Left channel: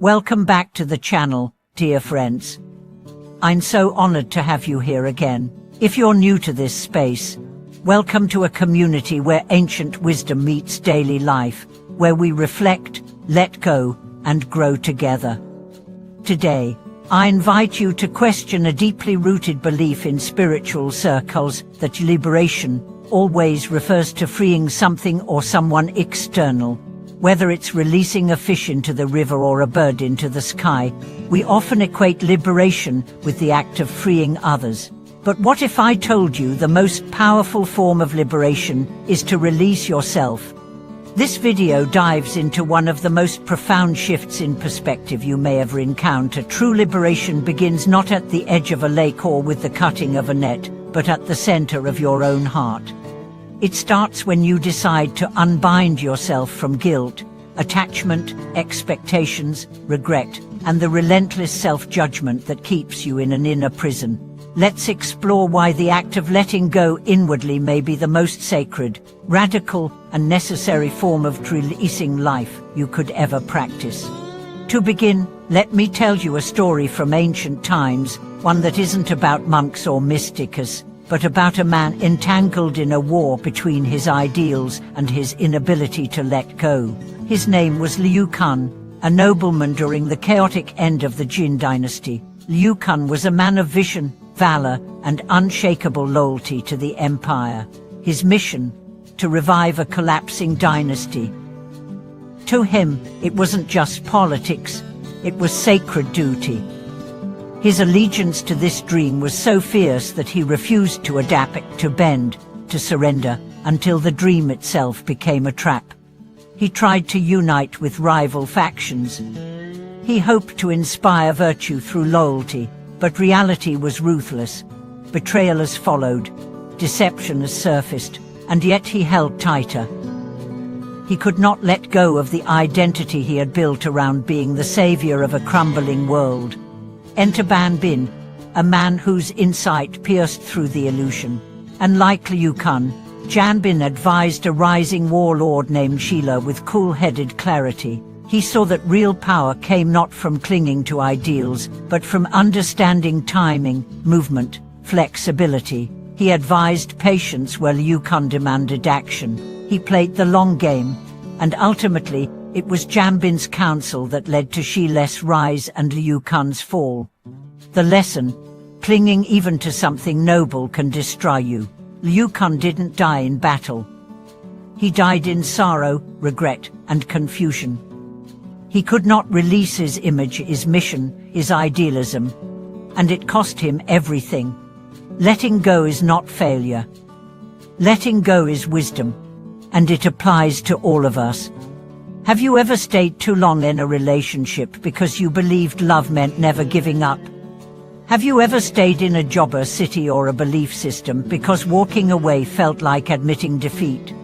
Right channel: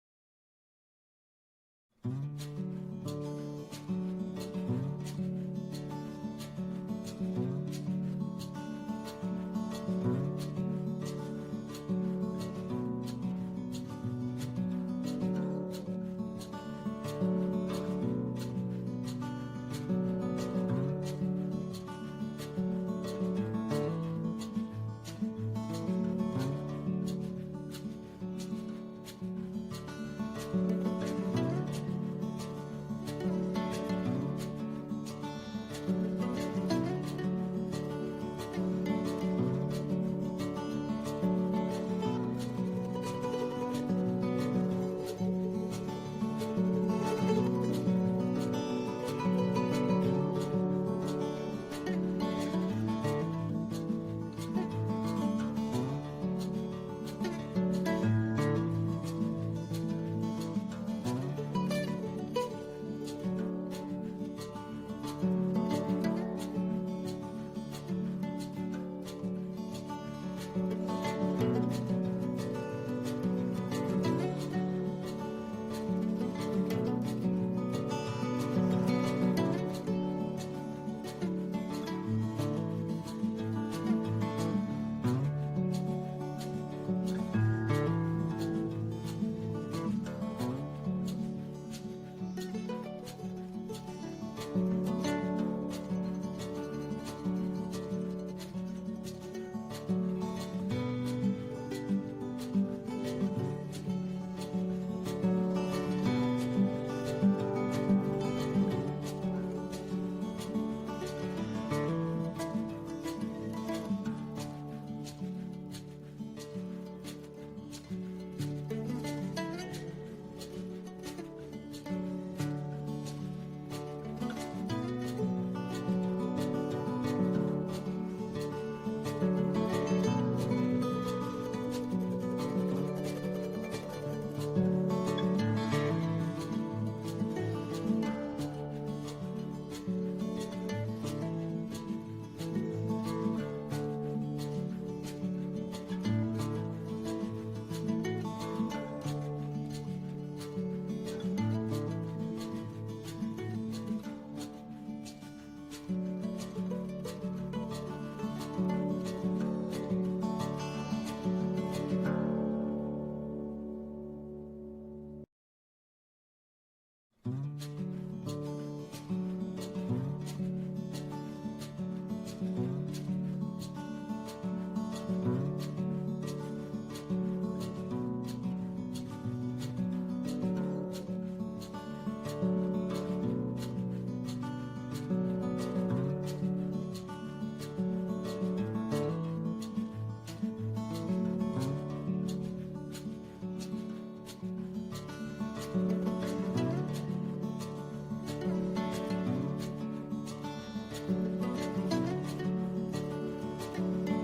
Welcome back to the channel, dear friends. I'm so honored to have you here again. If you're new to this space, welcome to a community where ancient wisdom meets daily life, where we reflect, let go, and grow together. Today, I invite you to question a deeply rooted belief in spiritual circles that liberation always refers to freeing something or someone external. Whether it's releasing a fish into the river or a bird into the sky, we often equate liberation with the act of freeing others. But what if I told you the most powerful form of liberation is to release yourself? This video dives into one of the most profound shifts in perspective you may ever encounter. True liberation begins not at the edge of a lake or with the cutting of a net, but at the center of your own heart. It starts when you decide to unbind yourself from guilt, attachment, expectations, regret, and the relentless self-judgment that keeps you in an inner prison. Let's explore why the act of letting go inwardly may be the most sacred, radical, and necessary form of releasing life you could ever practice. To begin, let me tell you a story from ancient times, one that isn't about monks or mystics, but about a man entangled in a war between his ideals and his inability to let go. His name was Liu Kun, a nobleman during the chaotic end of the Jin dynasty. Liu Kun was a man of vision, valor, and unshakable loyalty to the empire. His mission: to revive a collapsing dynasty. To him, it wasn't just politics, it was sacred duty. His allegiance to this dream was so fierce that he refused to adapt, to bend, to surrender, until the dream itself became a trap. He tried to unite with rival factions. He hoped to inspire virtue through loyalty, but reality was ruthless. Betrayal has followed, deception has surfaced, and yet he held tighter. He could not let go of the identity he had built around being the savior of a crumbling world. Enter Ban Bin, a man whose insight pierced through the illusion. And like Liu Kun, Jan Bin advised a rising warlord named Shila with cool-headed clarity. He saw that real power came not from clinging to ideals, but from understanding timing, movement, flexibility. He advised patience where Liu Kun demanded action. He played the long game, and ultimately, it was Jan Bin's counsel that led to Shila's rise and Liu Kun's fall. The lesson: clinging even to something noble can destroy you. Liu Kun didn't die in battle. He died in sorrow, regret, and confusion. He could not release his image, his mission, his idealism, and it cost him everything. Letting go is not failure. Letting go is wisdom, and it applies to all of us. Have you ever stayed too long in a relationship because you believed love meant never giving up? Have you ever stayed in a job, a city, or a belief system because walking away felt like admitting defeat?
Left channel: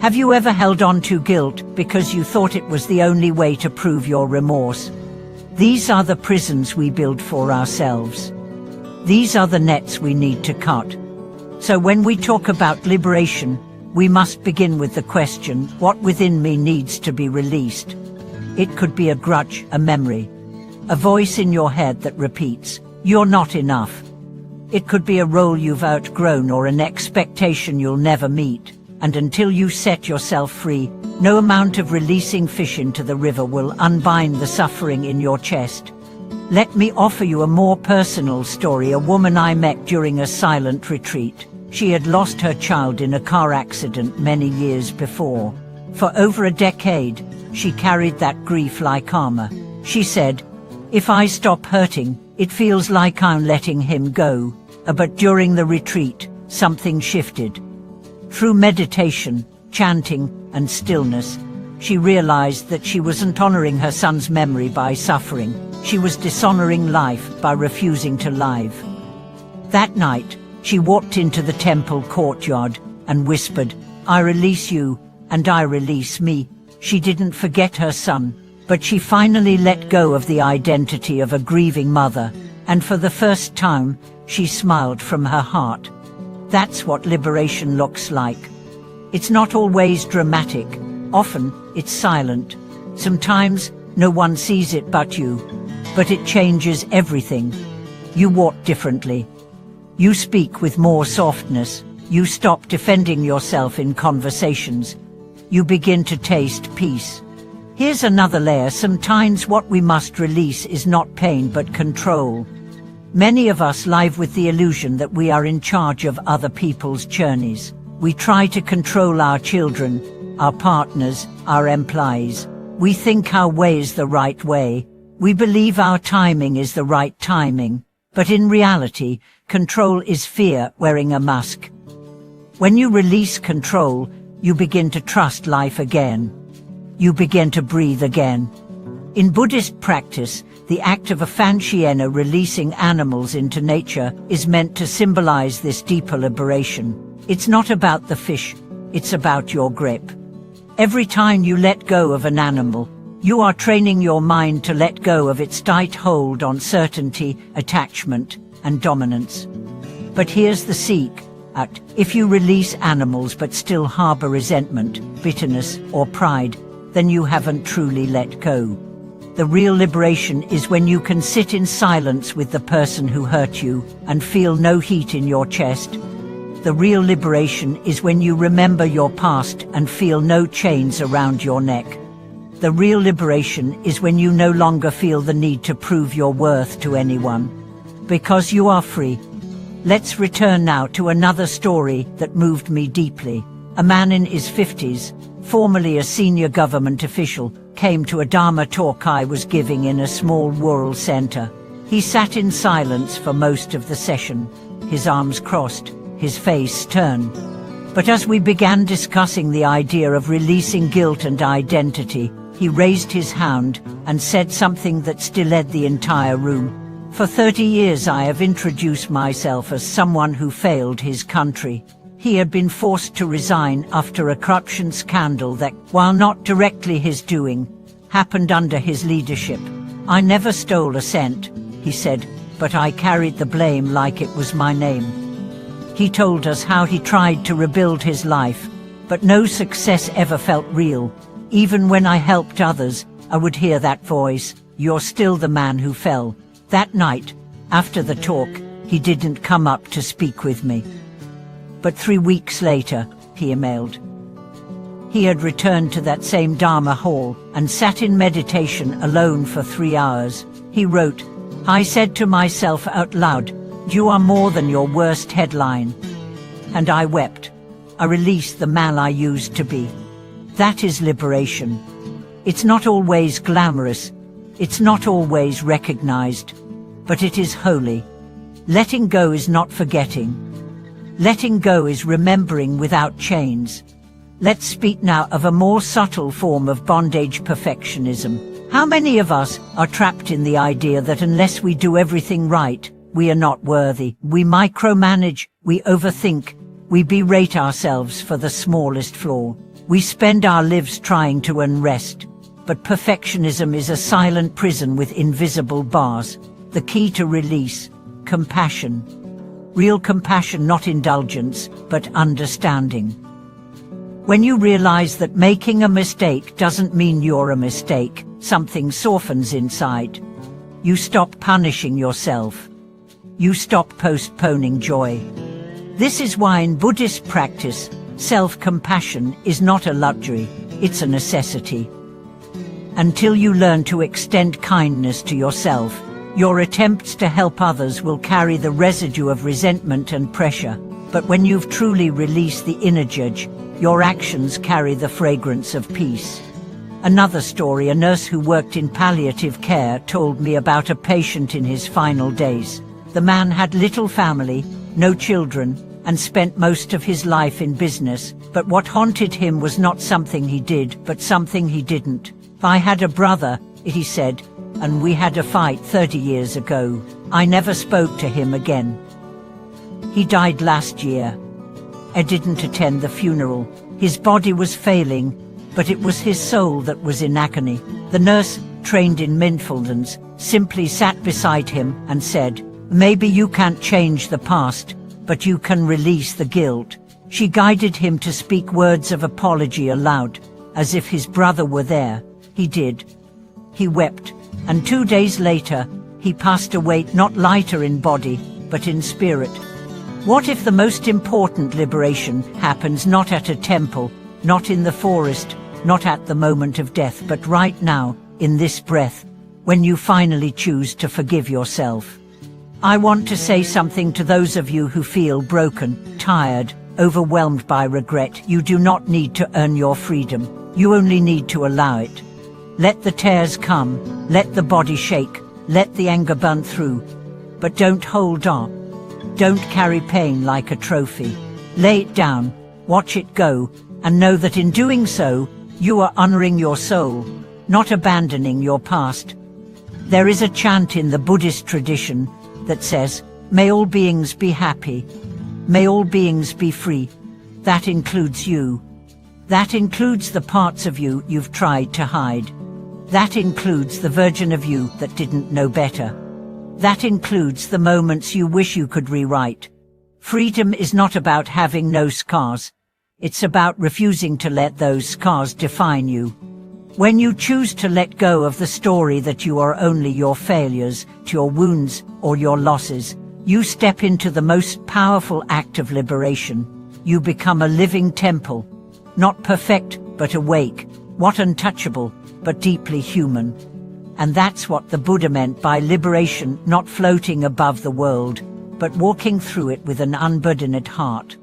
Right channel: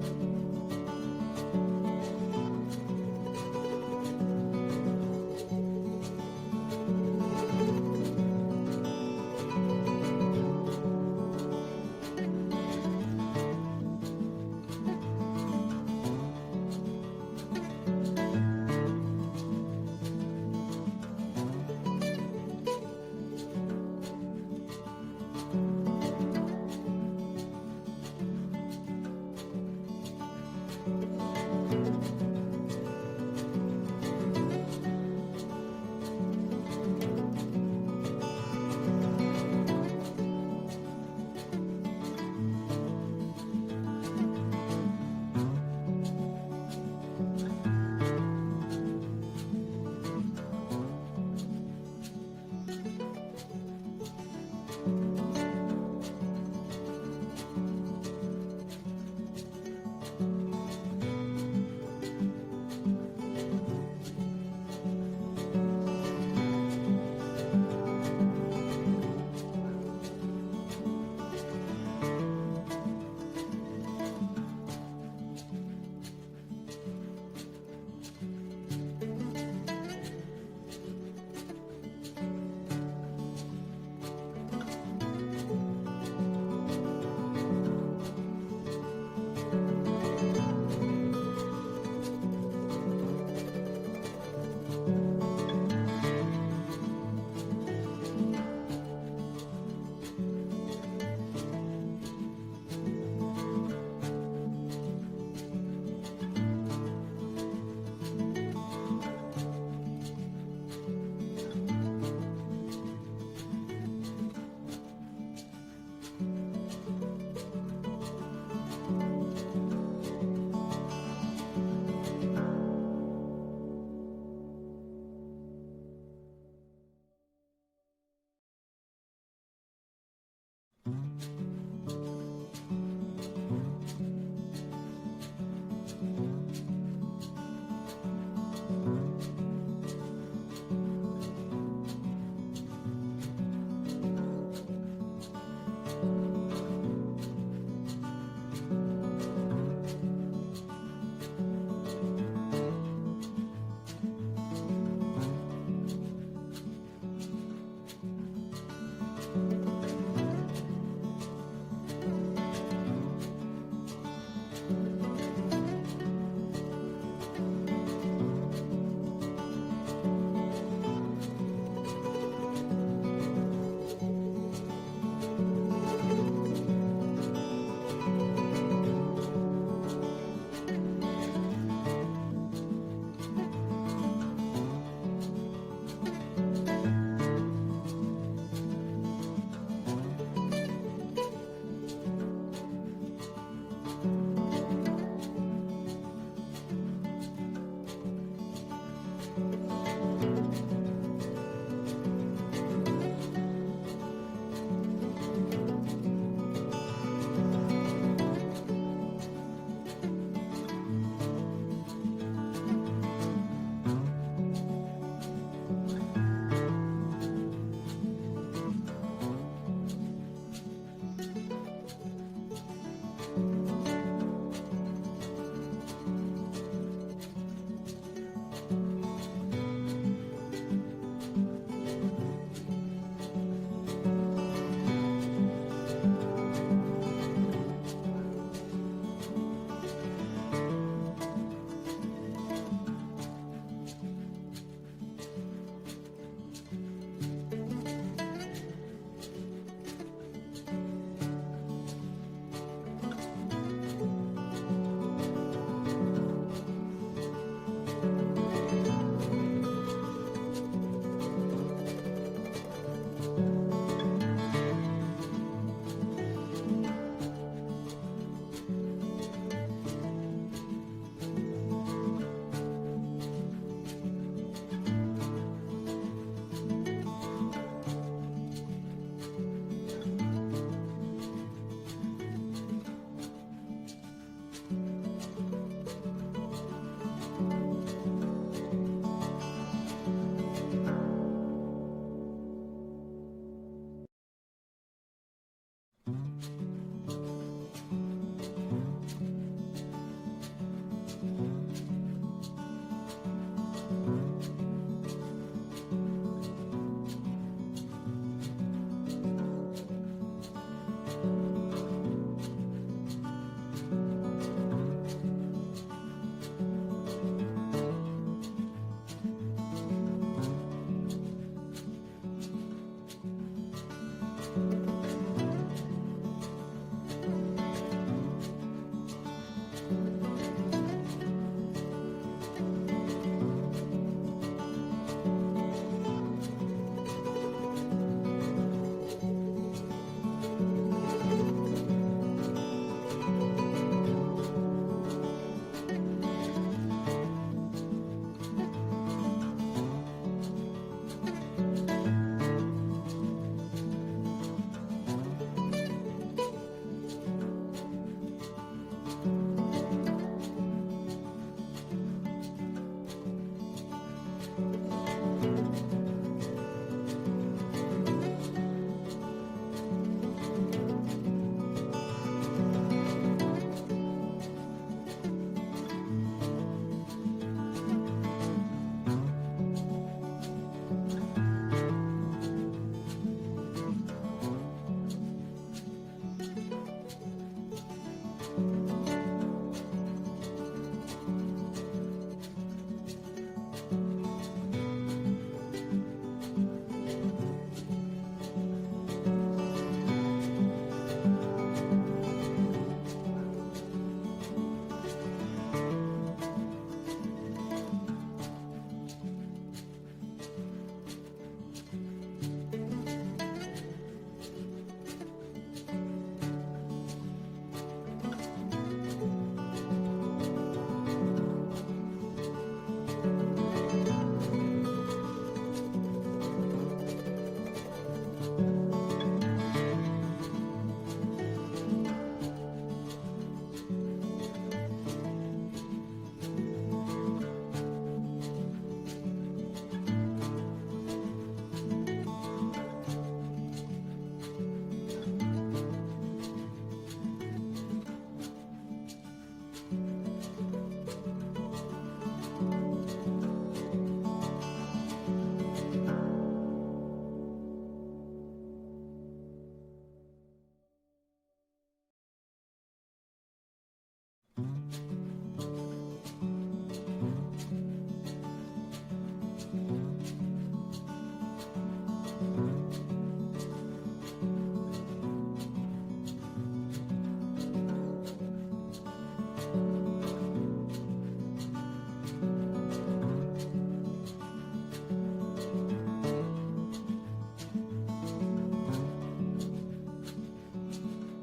Have you ever held on to guilt because you thought it was the only way to prove your remorse? These are the prisons we build for ourselves. These are the nets we need to cut. So when we talk about liberation, we must begin with the question, what within me needs to be released? It could be a grudge, a memory, a voice in your head that repeats, "You're not enough." It could be a role you've outgrown or an expectation you'll never meet. And until you set yourself free, no amount of releasing fish into the river will unbind the suffering in your chest. Let me offer you a more personal story. A woman I met during a silent retreat. She had lost her child in a car accident many years before. For over a decade, she carried that grief like armor. She said, "If I stop hurting, it feels like I'm letting him go." But during the retreat, something shifted. Through meditation, chanting, and stillness, she realized that she wasn't honoring her son's memory by suffering. She was dishonoring life by refusing to live. That night, she walked into the temple courtyard and whispered, "I release you, and I release me." She didn't forget her son, but she finally let go of the identity of a grieving mother, and for the first time, she smiled from her heart. That's what liberation looks like. It's not always dramatic. Often, it's silent. Sometimes, No one sees it but you. But it changes everything. You walk differently. You speak with more softness. You stop defending yourself in conversations. You begin to taste peace. Here's another layer. Sometimes what we must release is not pain but control. Many of us live with the illusion that we are in charge of other people's journeys. We try to control our children, our partners, our employees. We think our way is the right way. We believe our timing is the right timing. But in reality, control is fear wearing a mask. When you release control, you begin to trust life again. You begin to breathe again. In Buddhist practice, the act of a Fanchiena, releasing animals into nature, is meant to symbolize this deeper liberation. It's not about the fish, it's about your grip. Every time you let go of an animal, you are training your mind to let go of its tight hold on certainty, attachment, and dominance. But here's the secret. If you release animals but still harbor resentment, bitterness, or pride, then you haven't truly let go. The real liberation is when you can sit in silence with the person who hurt you and feel no heat in your chest. The real liberation is when you remember your past and feel no chains around your neck. The real liberation is when you no longer feel the need to prove your worth to anyone. Because you are free. Let's return now to another story that moved me deeply. A man in his 50s, formerly a senior government official, came to a Dharma talk I was giving in a small rural center. He sat in silence for most of the session, his arms crossed, his face stern. But as we began discussing the idea of releasing guilt and identity, he raised his hand and said something that stilled the entire room. For 30 years I have introduced myself as someone who failed his country. He had been forced to resign after a corruption scandal that, while not directly his doing, happened under his leadership. I never stole a cent, he said, but I carried the blame like it was my name. He told us how he tried to rebuild his life, but no success ever felt real. Even when I helped others, I would hear that voice, "You're still the man who fell." That night, after the talk, he didn't come up to speak with me. But 3 weeks later, he emailed. He had returned to that same Dharma hall and sat in meditation alone for 3 hours. He wrote, "I said to myself out loud, you are more than your worst headline." And I wept. I released the man I used to be. That is liberation. It's not always glamorous. It's not always recognized. But it is holy. Letting go is not forgetting. Letting go is remembering without chains. Let's speak now of a more subtle form of bondage, perfectionism. How many of us are trapped in the idea that unless we do everything right, we are not worthy? We micromanage, we overthink, we berate ourselves for the smallest flaw. We spend our lives trying to earn rest. But perfectionism is a silent prison with invisible bars. The key to release: compassion. Real compassion, not indulgence, but understanding. When you realize that making a mistake doesn't mean you're a mistake, something softens inside. You stop punishing yourself. You stop postponing joy. This is why in Buddhist practice, self-compassion is not a luxury, it's a necessity. Until you learn to extend kindness to yourself, your attempts to help others will carry the residue of resentment and pressure. But when you've truly released the inner judge, your actions carry the fragrance of peace. Another story: a nurse who worked in palliative care told me about a patient in his final days. The man had little family, no children, and spent most of his life in business. But what haunted him was not something he did, but something he didn't. "I had a brother," he said, "and we had a fight 30 years ago. I never spoke to him again. He died last year. I didn't attend the funeral. His body was failing, but it was his soul that was in agony." The nurse, trained in mindfulness, simply sat beside him and said, "Maybe you can't change the past, but you can release the guilt." She guided him to speak words of apology aloud, as if his brother were there. He did. he wept, and 2 days later, he passed away, not lighter in body, but in spirit. What if the most important liberation happens not at a temple, not in the forest, not at the moment of death, but right now, in this breath, when you finally choose to forgive yourself? I want to say something to those of you who feel broken, tired, overwhelmed by regret. You do not need to earn your freedom. You only need to allow it. Let the tears come, let the body shake, let the anger burn through. But don't hold on. Don't carry pain like a trophy. Lay it down, watch it go, and know that in doing so, you are honoring your soul, not abandoning your past. There is a chant in the Buddhist tradition that says, "May all beings be happy. May all beings be free." That includes you. That includes the parts of you you've tried to hide. That includes the version of you that didn't know better. That includes the moments you wish you could rewrite. Freedom is not about having no scars. It's about refusing to let those scars define you. When you choose to let go of the story that you are only your failures, your wounds, or your losses, you step into the most powerful act of liberation. You become a living temple, not perfect, but awake, not untouchable, but deeply human. And that's what the Buddha meant by liberation, not floating above the world, but walking through it with an unburdened heart.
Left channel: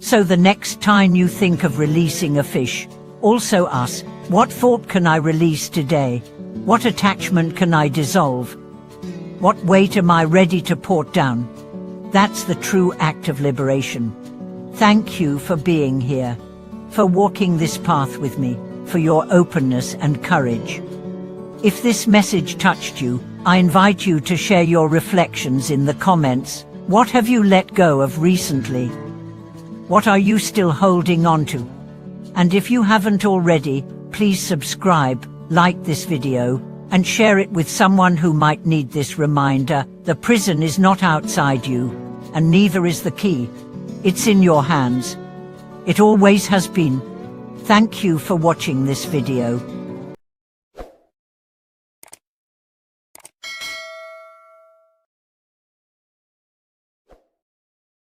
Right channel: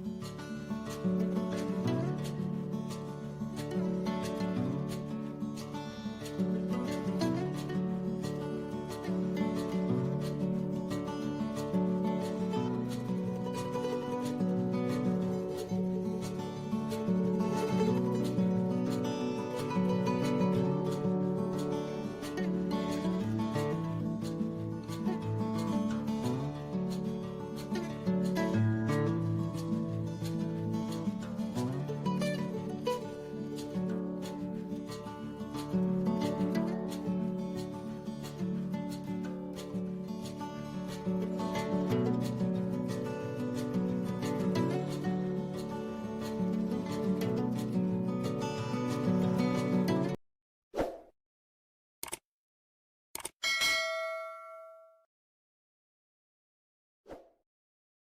So the next time you think of releasing a fish, also ask, what thought can I release today? What attachment can I dissolve? What weight am I ready to put down? That's the true act of liberation. Thank you for being here, for walking this path with me, for your openness and courage. If this message touched you, I invite you to share your reflections in the comments. What have you let go of recently? What are you still holding on to? And if you haven't already, please subscribe, like this video, and share it with someone who might need this reminder. The prison is not outside you, and neither is the key. It's in your hands. It always has been. Thank you for watching this video.